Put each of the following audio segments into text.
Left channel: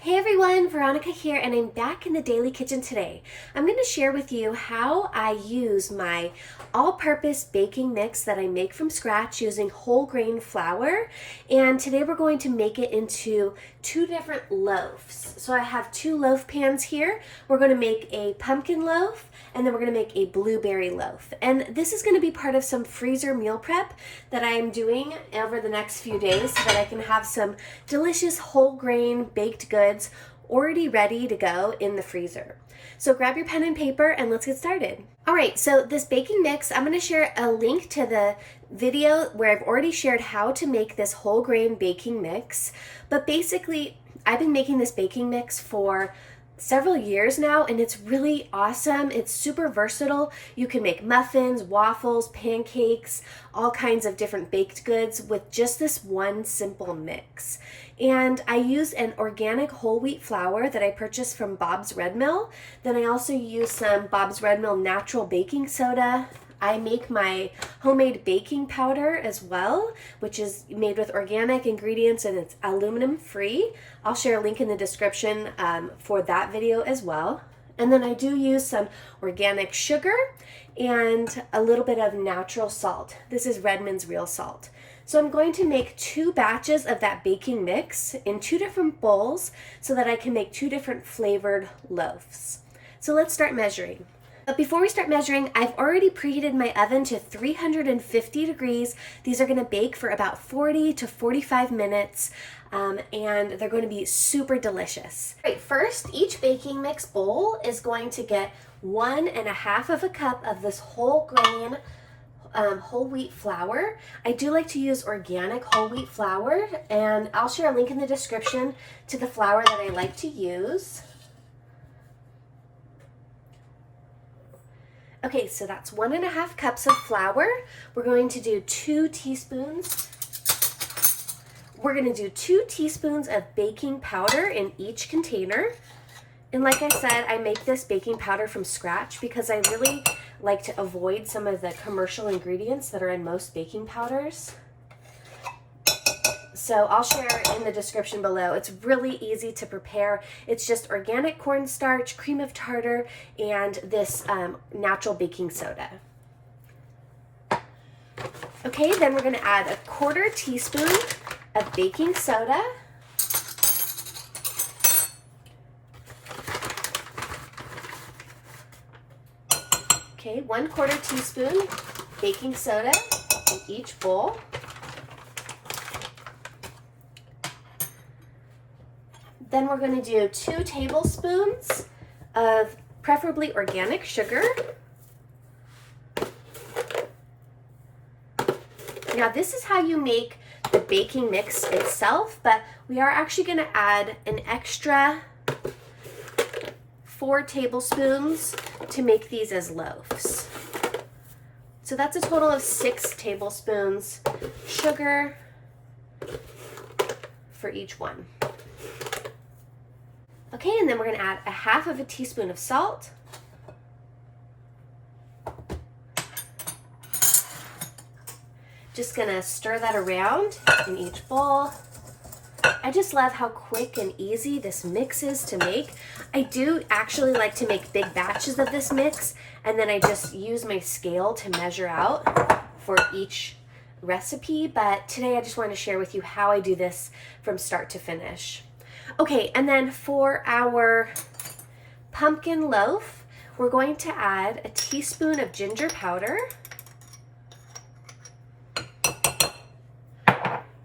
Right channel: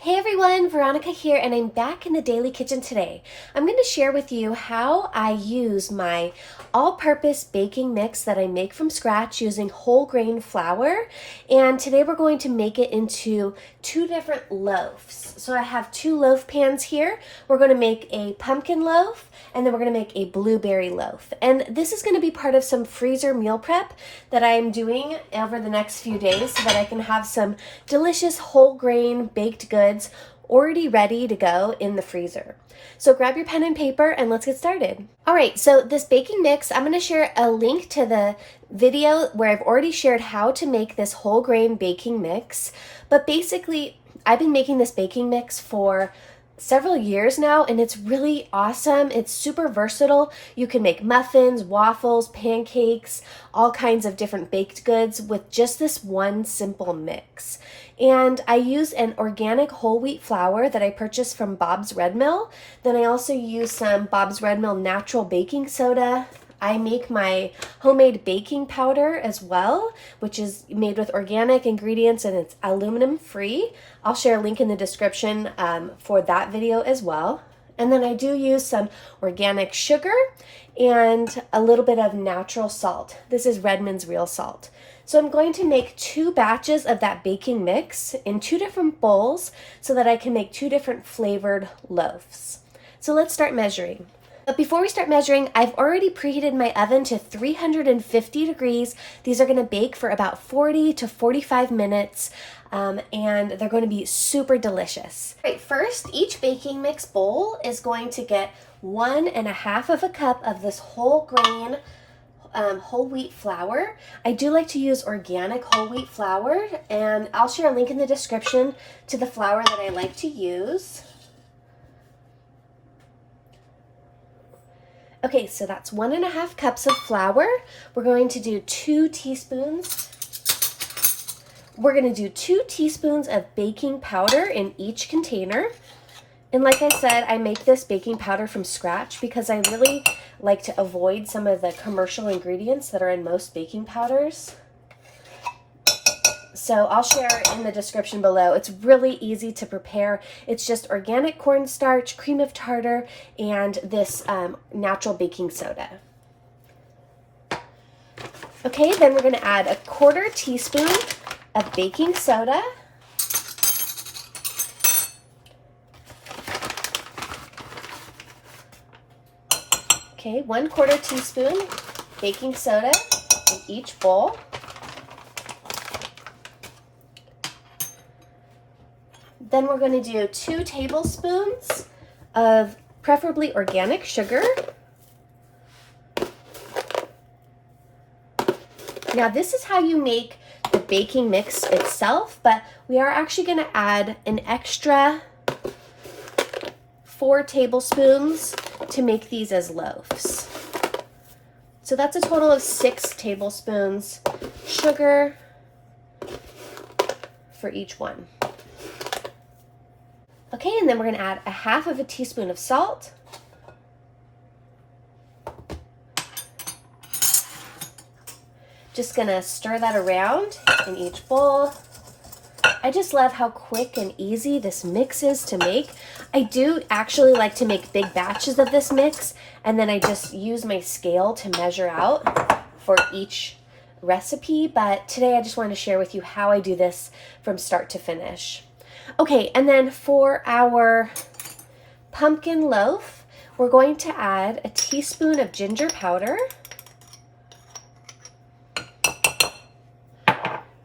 Hey everyone, Veronica here, and I'm back in the Daily Kitchen today. I'm going to share with you how I use my all-purpose baking mix that I make from scratch using whole grain flour. And today we're going to make it into two different loaves. So I have two loaf pans here. We're going to make a pumpkin loaf, and then we're going to make a blueberry loaf. And this is going to be part of some freezer meal prep that I'm doing over the next few days so that I can have some delicious whole grain baked goods already ready to go in the freezer. So grab your pen and paper and let's get started. All right, so this baking mix, I'm going to share a link to the video where I've already shared how to make this whole grain baking mix. But basically, I've been making this baking mix for several years now, and it's really awesome. It's super versatile. You can make muffins, waffles, pancakes, all kinds of different baked goods with just this one simple mix. And I use an organic whole wheat flour that I purchased from Bob's Red Mill. Then I also use some Bob's Red Mill natural baking soda. I make my homemade baking powder as well, which is made with organic ingredients and it's aluminum free. I'll share a link in the description for that video as well. And then I do use some organic sugar and a little bit of natural salt. This is Redmond's real salt. So I'm going to make two batches of that baking mix in two different bowls so that I can make two different flavored loaves. So let's start measuring. But before we start measuring, I've already preheated my oven to 350 degrees. These are going to bake for about 40 to 45 minutes, and they're going to be super delicious. All right, first, each baking mix bowl is going to get 1.5 cups of this whole grain whole wheat flour. I do like to use organic whole wheat flour, and I'll share a link in the description to the flour that I like to use. Okay, so that's 1.5 cups of flour. We're going to do 2 teaspoons. We're going to do 2 teaspoons of baking powder in each container. And like I said, I make this baking powder from scratch because I really like to avoid some of the commercial ingredients that are in most baking powders. So I'll share in the description below. It's really easy to prepare. It's just organic cornstarch, cream of tartar, and this natural baking soda. Okay, then we're going to add 1/4 teaspoon of baking soda. Okay, 1/4 teaspoon baking soda in each bowl. Then we're going to do 2 tablespoons of preferably organic sugar. Now this is how you make the baking mix itself, but we are actually going to add an extra 4 tablespoons to make these as loaves. So that's a total of 6 tablespoons sugar for each one. Okay, and then we're going to add 1/2 teaspoon of salt. Just going to stir that around in each bowl. I just love how quick and easy this mix is to make. I do actually like to make big batches of this mix, and then I just use my scale to measure out for each recipe, but today I just want to share with you how I do this from start to finish. Okay, and then for our pumpkin loaf, we're going to add 1 teaspoon of ginger powder.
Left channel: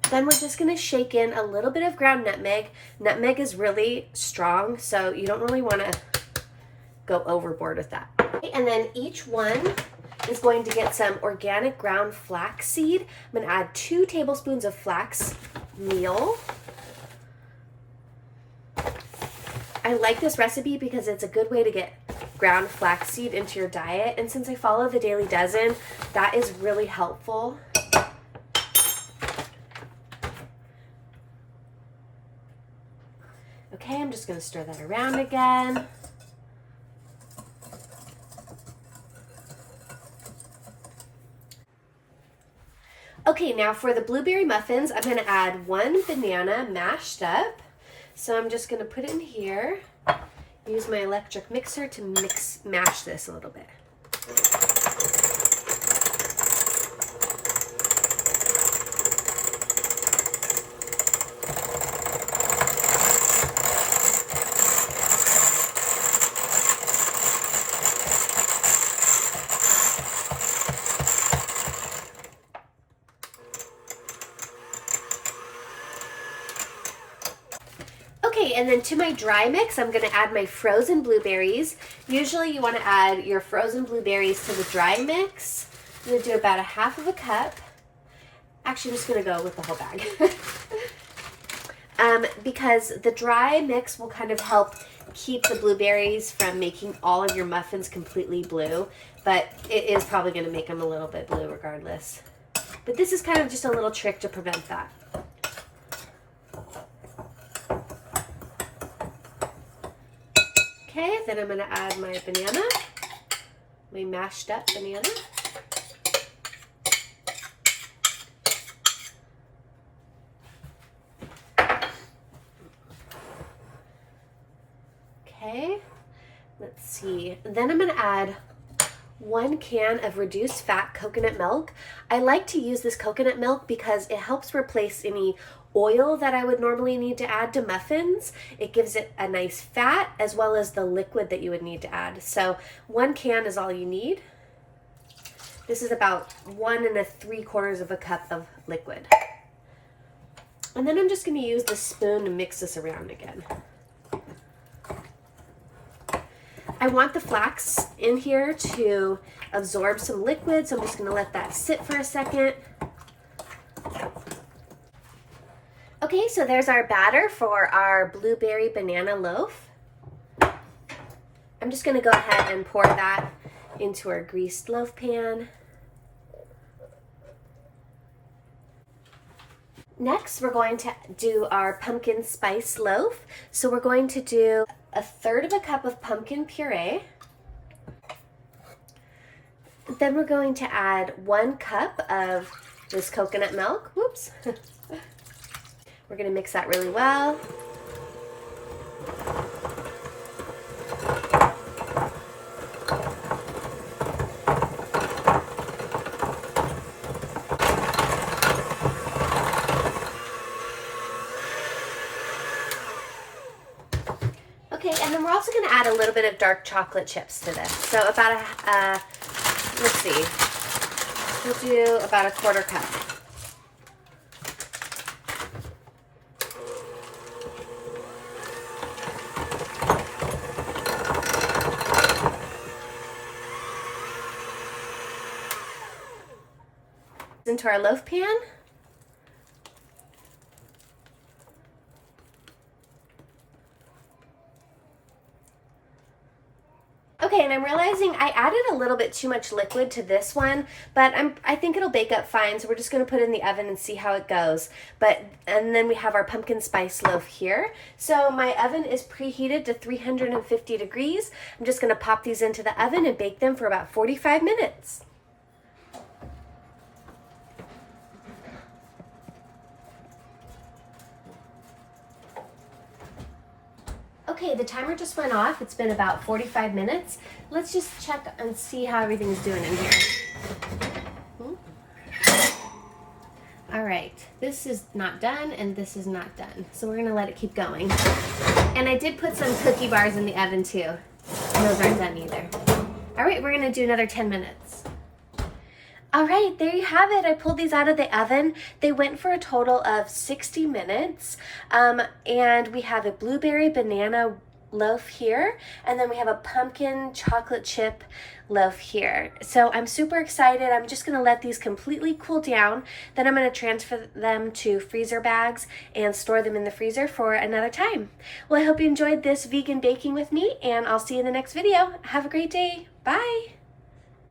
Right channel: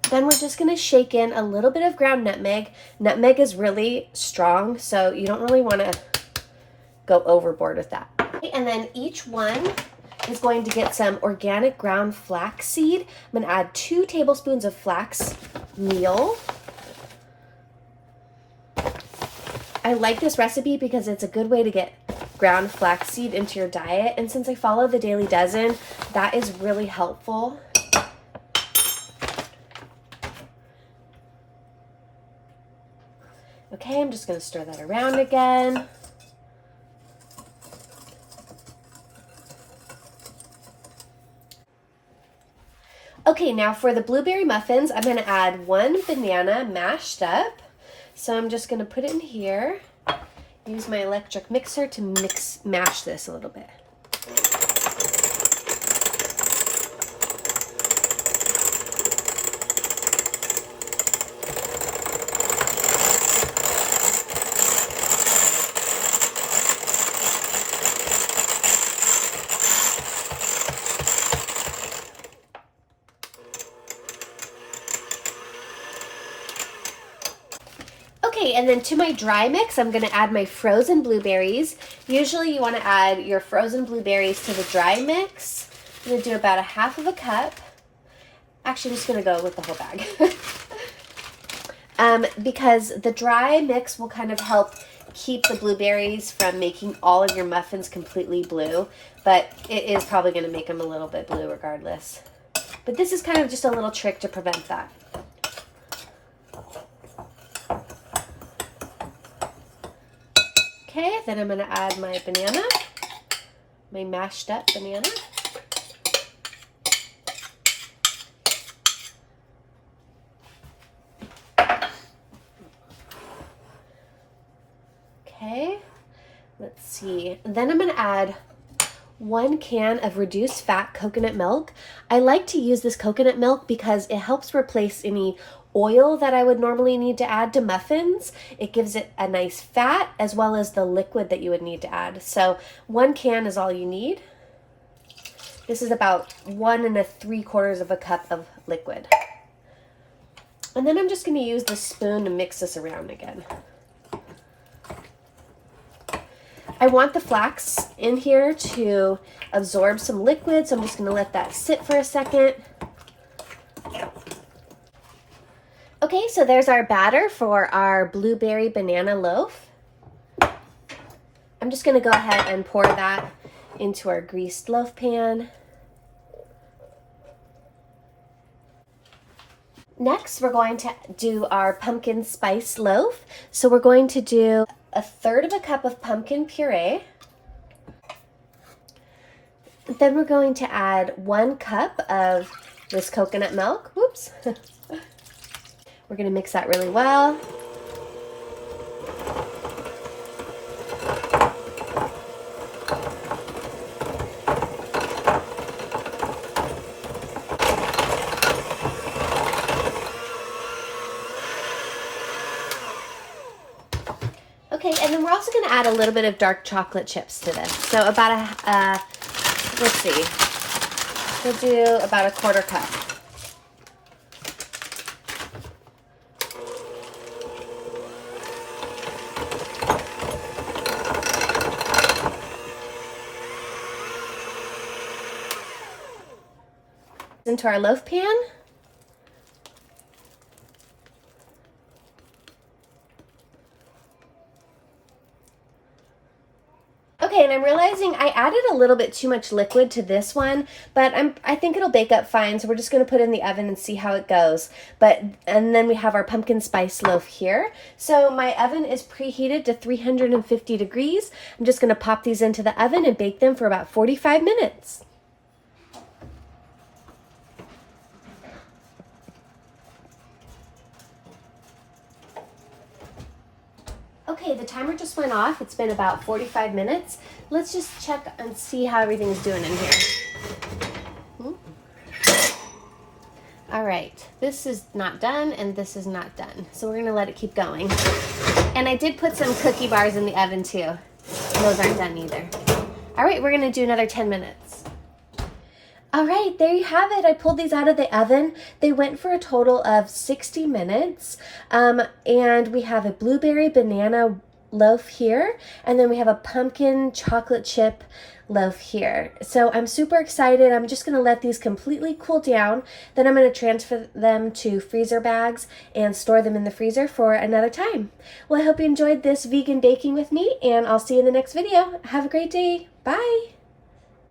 Then we're just going to shake in a little bit of ground nutmeg. Nutmeg is really strong, so you don't really want to go overboard with that. Okay, and then each one is going to get some organic ground flaxseed. I'm going to add 2 tablespoons of flax meal. I like this recipe because it's a good way to get ground flaxseed into your diet, and since I follow the Daily Dozen, that is really helpful. Okay, I'm just going to stir that around again. Okay, now for the blueberry muffins, I'm going to add 1 banana mashed up. So I'm just gonna put it in here, use my electric mixer to mash this a little bit. Okay, and then to my dry mix, I'm gonna add my frozen blueberries. Usually you wanna add your frozen blueberries to the dry mix. I'm gonna do about a half of a cup. Actually, I'm just gonna go with the whole bag. Because the dry mix will kind of help keep the blueberries from making all of your muffins completely blue, but it is probably gonna make them a little bit blue regardless. But this is kind of just a little trick to prevent that. Okay, then I'm gonna add my banana, my mashed up banana. Okay, let's see. Then I'm gonna add 1 can of reduced fat coconut milk. I like to use this coconut milk because it helps replace any oil that I would normally need to add to muffins. It gives it a nice fat as well as the liquid that you would need to add. So 1 can is all you need. This is about 1 3/4 of a cup of liquid. And then I'm just gonna use the spoon to mix this around again. I want the flax in here to absorb some liquid, so I'm just gonna let that sit for a second. Okay, so there's our batter for our blueberry banana loaf. I'm just gonna go ahead and pour that into our greased loaf pan. Next, we're going to do our pumpkin spice loaf. So we're going to do 1/3 of a cup of pumpkin puree. Then we're going to add 1 cup of this coconut milk. Whoops. We're going to mix that really well. Okay, and then we're also going to add a little bit of dark chocolate chips to this. So about let's see, we'll do about 1/4 cup. Into our loaf pan. Okay, and I'm realizing I added a little bit too much liquid to this one, but I think it'll bake up fine, so we're just gonna put it in the oven and see how it goes. And then we have our pumpkin spice loaf here. So my oven is preheated to 350 degrees. I'm just gonna pop these into the oven and bake them for about 45 minutes. Okay, the timer just went off. It's been about 45 minutes. Let's just check and see how everything's doing in here. All right, this is not done and this is not done. So we're gonna let it keep going. And I did put some cookie bars in the oven too. And those aren't done either. All right, we're gonna do another 10 minutes. All right, there you have it. I pulled these out of the oven. They went for a total of 60 minutes. And we have a blueberry banana loaf here, and then we have a pumpkin chocolate chip loaf here. So I'm super excited. I'm just gonna let these completely cool down. Then I'm gonna transfer them to freezer bags and store them in the freezer for another time. Well, I hope you enjoyed this vegan baking with me, and I'll see you in the next video. Have a great day. Bye.